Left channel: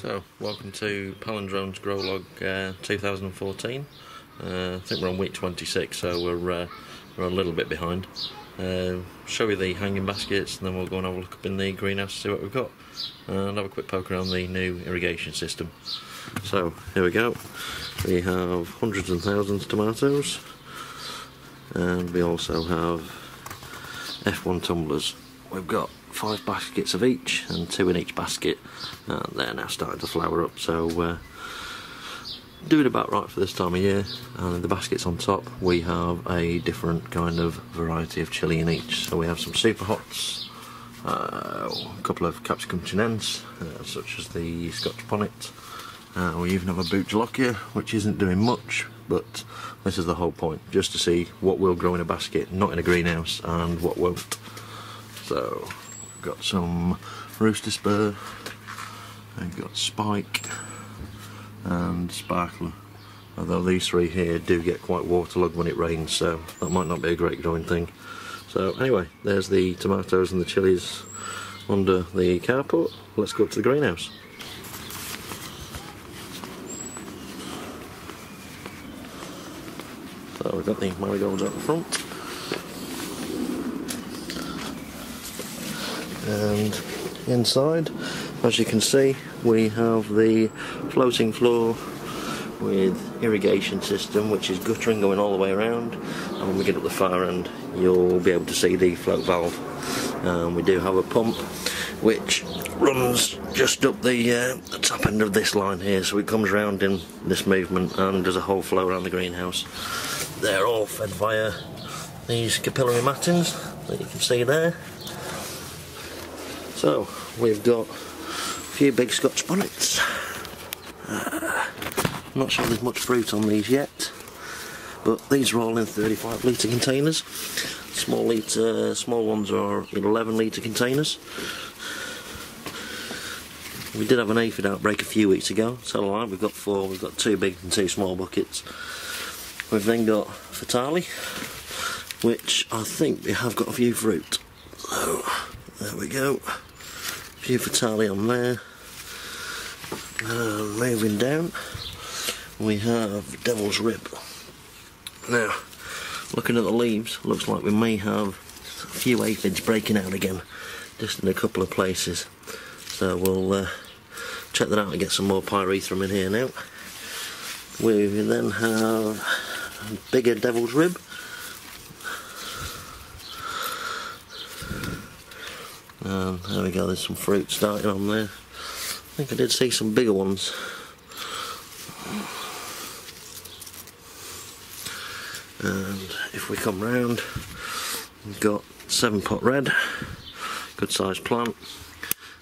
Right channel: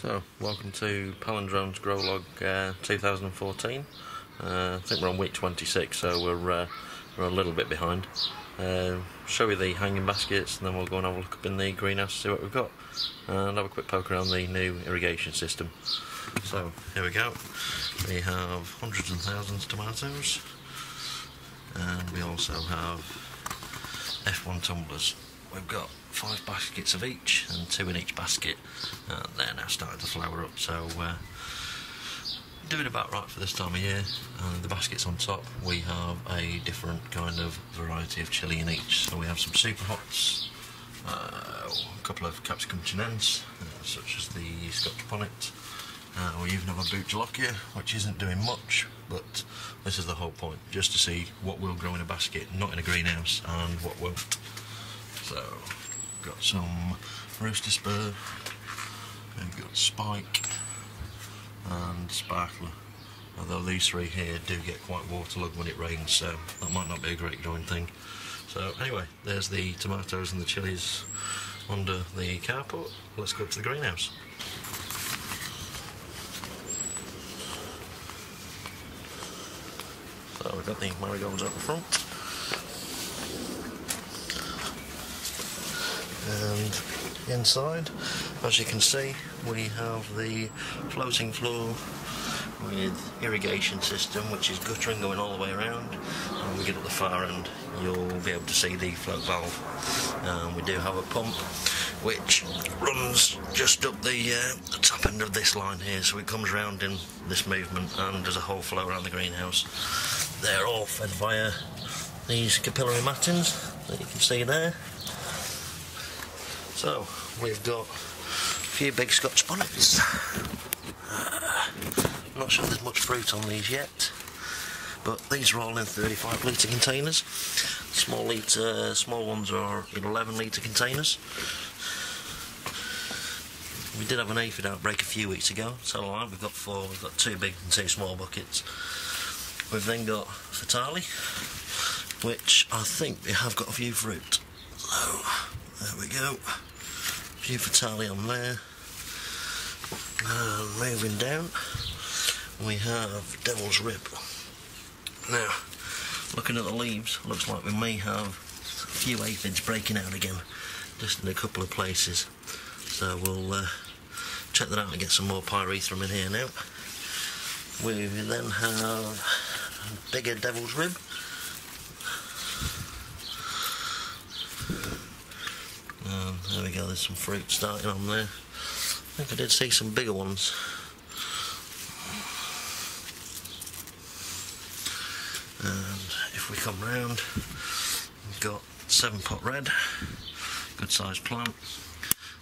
So, welcome to Palindrome's Grow Log 2014. I think we're on week 26, so we're a little bit behind. Show you the hanging baskets, and then we'll go and have a look up in the greenhouse to see what we've got, and have a quick poke around the new irrigation system. So, here we go. We have hundreds and thousands of tomatoes, and we also have F1 tumblers. We've got 5 baskets of each, and 2 in each basket, and they're now starting to flower up, so doing about right for this time of year. And in the baskets on top we have a different kind of variety of chilli in each. So we have some super hots, a couple of capsicum chinense, such as the Scotch bonnet. We even have a Bouchalokia, which isn't doing much, but this is the whole point, just to see what will grow in a basket, not in a greenhouse, and what won't. So, we've got some Rooster Spur, and we've got Spike, and Sparkler. Although these 3 here do get quite waterlogged when it rains, so that might not be a great growing thing. So anyway, there's the tomatoes and the chilies under the carport. Let's go up to the greenhouse. So we've got the marigolds out the front. And inside, as you can see, we have the floating floor with irrigation system, which is guttering going all the way around. And when we get up the far end, you'll be able to see the float valve. We do have a pump which runs just up the top end of this line here, so it comes round in this movement and does a whole flow around the greenhouse. They're all fed via these capillary mattings that you can see there. So, we've got a few big Scotch bonnets. I'm not sure there's much fruit on these yet, but these are all in 35 litre containers. Small ones are in 11 litre containers. We did have an aphid outbreak a few weeks ago, so alright, we've got 4, we've got 2 big and 2 small buckets. We've then got Fatale, which I think we have got a few fruit. So, there we go. A few Fatale on there. Moving down, we have Devil's Rib. Now, looking at the leaves, looks like we may have a few aphids breaking out again, just in a couple of places. So we'll check that out and get some more pyrethrum in here now. We then have a bigger Devil's Rib. And there we go, there's some fruit starting on there. I think I did see some bigger ones. And if we come round, we've got 7-pot red, good sized plant.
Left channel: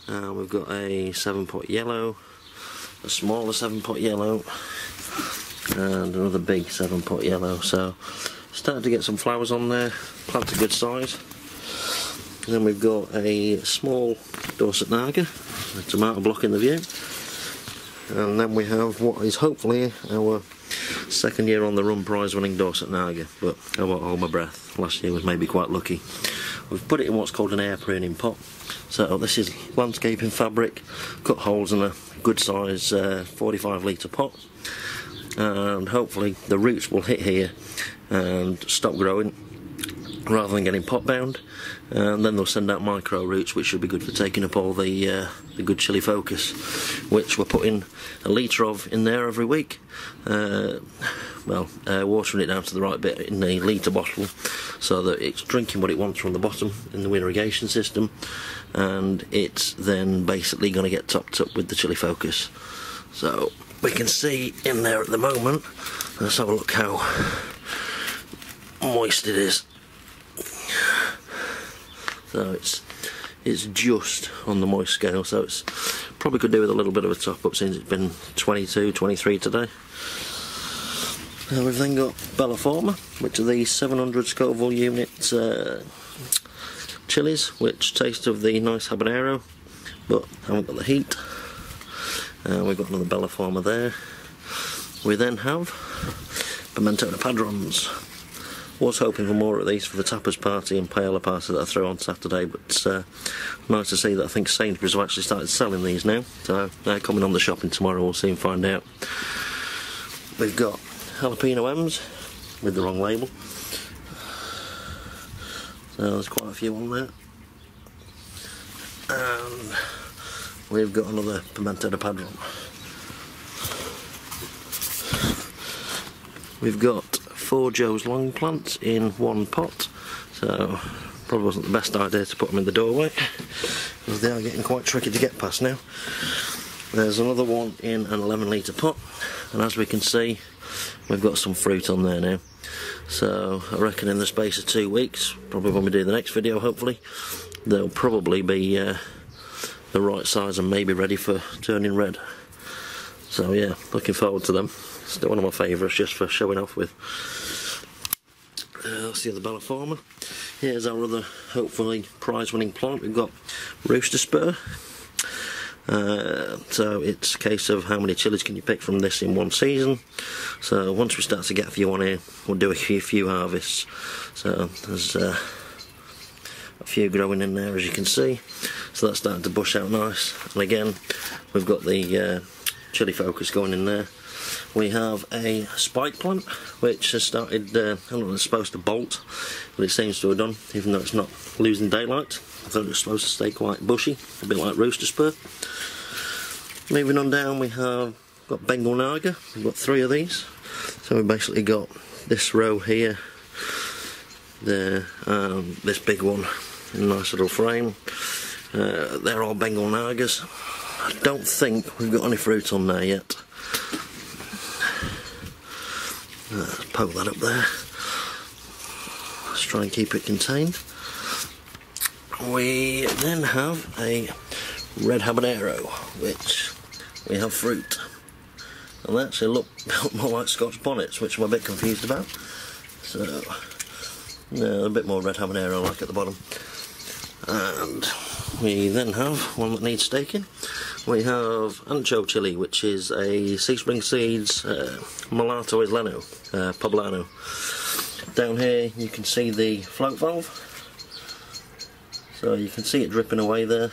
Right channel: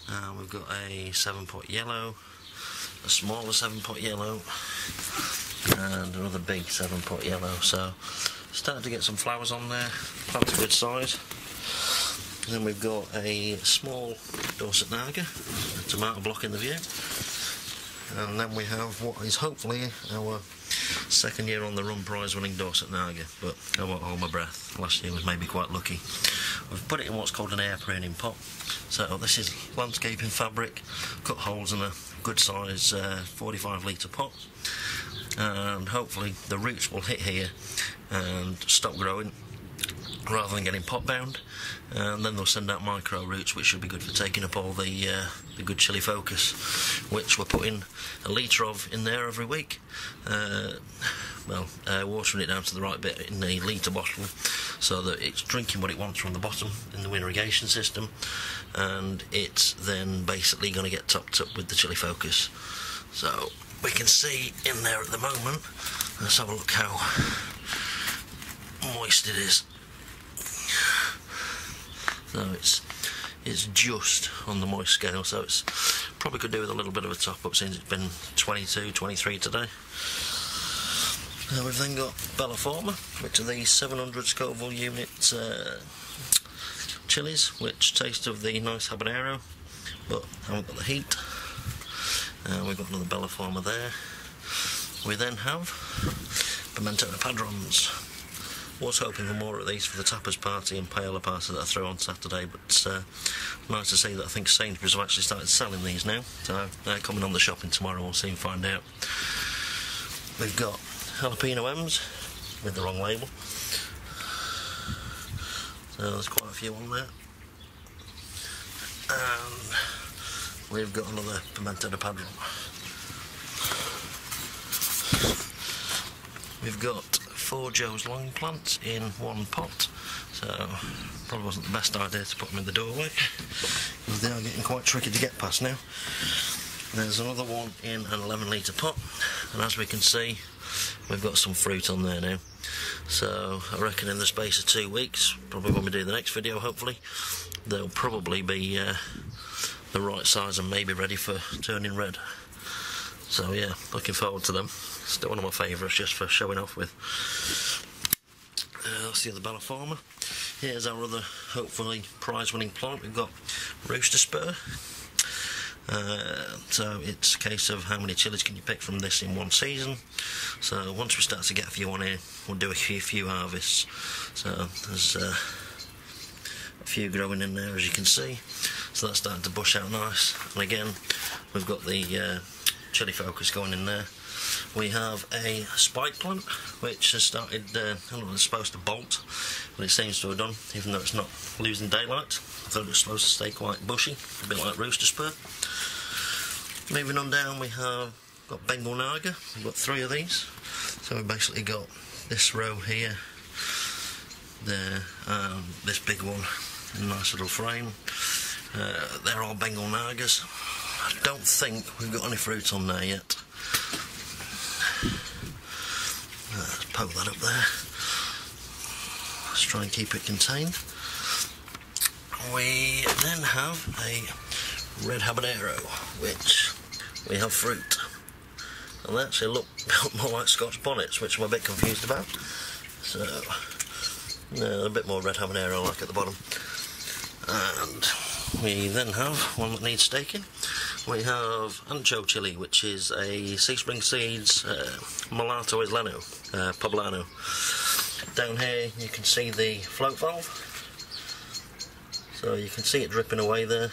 We've got a 7-pot yellow, a smaller 7-pot yellow, and another big 7-pot yellow. So starting to get some flowers on there. Plant's a good size. And then we've got a small Dorset Naga, a tomato blocking the view. And then we have what is hopefully our 2nd year on the run prize winning Dorset Naga, but I won't hold my breath. Last year was maybe quite lucky. We've put it in what's called an air pruning pot. So this is landscaping fabric, cut holes in a good size 45 litre pot, and hopefully the roots will hit here and stop growing rather than getting pot bound, and then they'll send out micro roots, which should be good for taking up all the good chili focus, which we're putting a litre of in there every week. Watering it down to the right bit in a litre bottle so that it's drinking what it wants from the bottom in the irrigation system, and it's then basically going to get topped up with the chili focus. So we can see in there at the moment. Let's have a look how moist it is. So it's just on the moist scale, so it's probably could do with a little bit of a top up since it's been 22, 23 today. We've then got Belloforma, which are these 700 Scoville unit chilies, which taste of the nice habanero, but haven't got the heat. We've got another Belloforma there. We then have Pimentona Padrons, Was hoping for more of these for the tapas party and paella party that I threw on Saturday, but nice to see that I think Sainsbury's have actually started selling these now, so they're coming on the shopping tomorrow, we'll soon find out. We've got jalapeno M's with the wrong label, so there's quite a few on there, and we've got another pimento de padron. We've got 4 Joe's long plants in one pot, so probably wasn't the best idea to put them in the doorway, because they are getting quite tricky to get past now. There's another one in an 11-litre pot, and as we can see, we've got some fruit on there now. So I reckon in the space of 2 weeks, probably when we do the next video hopefully, they'll probably be the right size and maybe ready for turning red. So yeah, looking forward to them. Still one of my favourites just for showing off with. That's the other Bella Farmer. Here's our other hopefully prize winning plant. We've got Rooster Spur. So it's a case of how many chilies can you pick from this in one season. So once we start to get a few on here, we'll do a few harvests. So there's a few growing in there as you can see. So that's starting to bush out nice. And again, we've got the chili focus going in there. We have a spike plant which has started, I don't know, it's supposed to bolt, but it seems to have done, even though it's not losing daylight. I thought it was supposed to stay quite bushy, a bit like Rooster Spur. Moving on down, we have got Bengal Naga. We've got 3 of these. So we've basically got this row here, there, this big one, a nice little frame. They're all Bengal Nagas. I don't think we've got any fruit on there yet. Let's poke that up there. Let's try and keep it contained. We then have a red habanero, which we have fruit. And they actually look more like Scotch bonnets, which I'm a bit confused about. So, yeah, a bit more red habanero like at the bottom. And we then have one that needs staking. We have Ancho chili, which is a Sea Spring Seeds Mulatto Isleno, Poblano. Down here you can see the float valve. So you can see it dripping away there.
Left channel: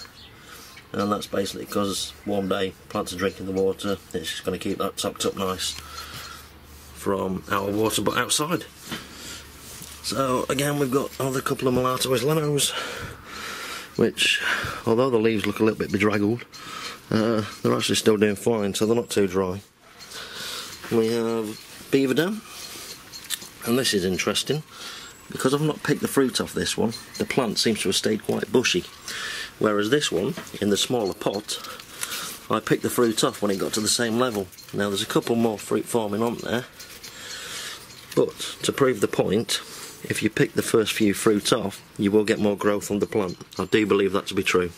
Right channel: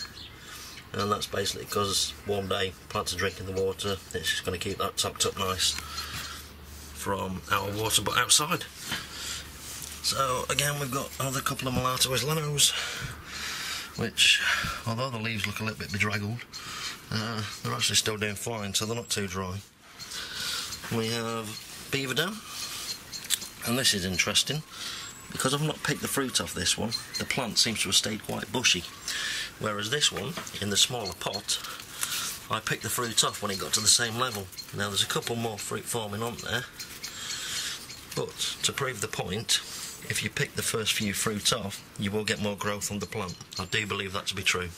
And that's basically because warm day, plants are drinking the water, it's just going to keep that topped up nice from our water but outside. So again, we've got another couple of Mulatto Islenos, which, although the leaves look a little bit bedraggled, they're actually still doing fine, so they're not too dry. We have Beaver Dam, and this is interesting because I've not picked the fruit off this one. The plant seems to have stayed quite bushy, whereas this one, in the smaller pot, I picked the fruit off when it got to the same level. Now there's a couple more fruit forming on there, but to prove the point, if you pick the first few fruit off, you will get more growth on the plant. I do believe that to be true.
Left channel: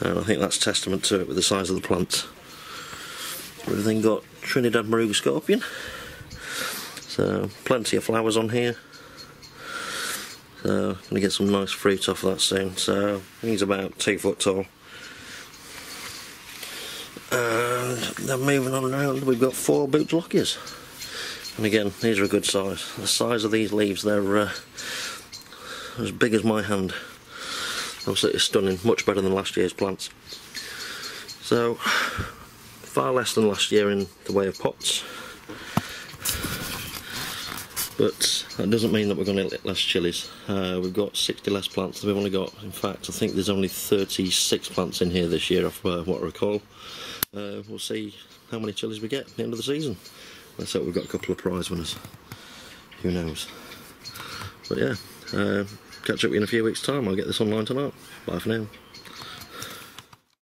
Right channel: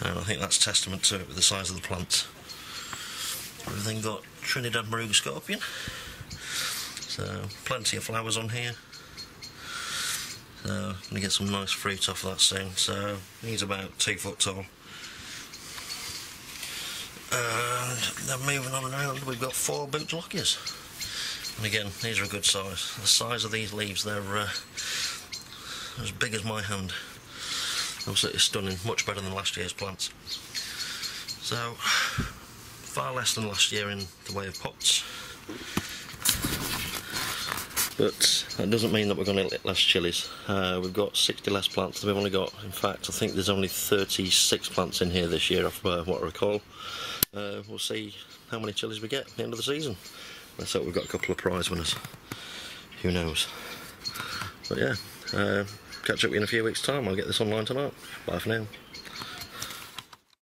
I think that's testament to it with the size of the plant. We've then got Trinidad Moruga Scorpion. So plenty of flowers on here. So I'm going to get some nice fruit off of that soon. So he's about 2 foot tall. And then moving on around, we've got 4 Boots Lockias. And again, these are a good size. The size of these leaves, they're as big as my hand. Absolutely stunning, much better than last year's plants. So, far less than last year in the way of pots. But that doesn't mean that we're going to get less chilies. We've got 60 less plants than we've only got. In fact, I think there's only 36 plants in here this year, off what I recall. We'll see how many chilies we get at the end of the season. Let's hope we've got a couple of prize winners. Who knows? But yeah, catch up with you in a few weeks' time. I'll get this online tonight. Bye for now.